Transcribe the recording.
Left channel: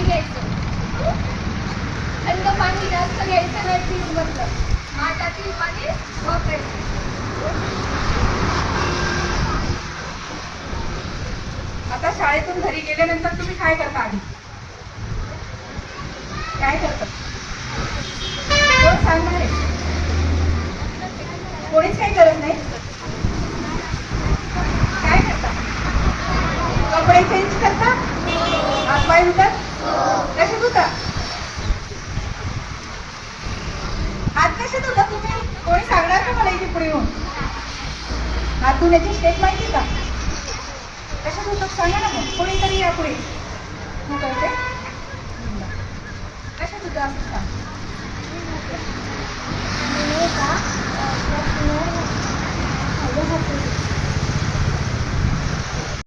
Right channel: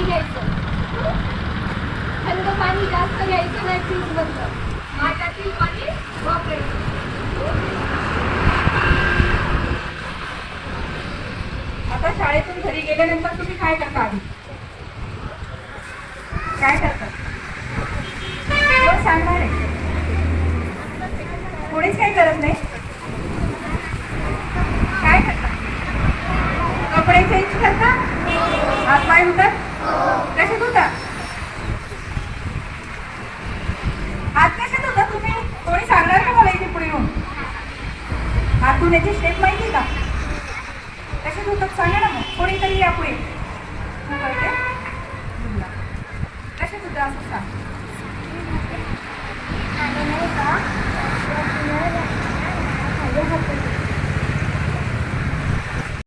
पाणी घ्यायचं थंड पाणी जास्त घ्यायचं नाही फ्रीजमधलं माठातील पाणी वापरायचं. आता शाळेतून घरी गेल्यानंतर तुम्ही काय करता आधी? काय करता? सांगणार आहे? कोणीच काय करत नाही? काय करता? कपडे चेंज करता? पाय होतात? कसे होता? हात कसे होता तुम्ही? कोणी सांगणार का मला इथे पुढे येऊन? हात धुण्याची स्टेप माहिती का? कसे होतात सांगा ना मग. कोणीतरी या पुढे कसे सुद्धा असं सांग.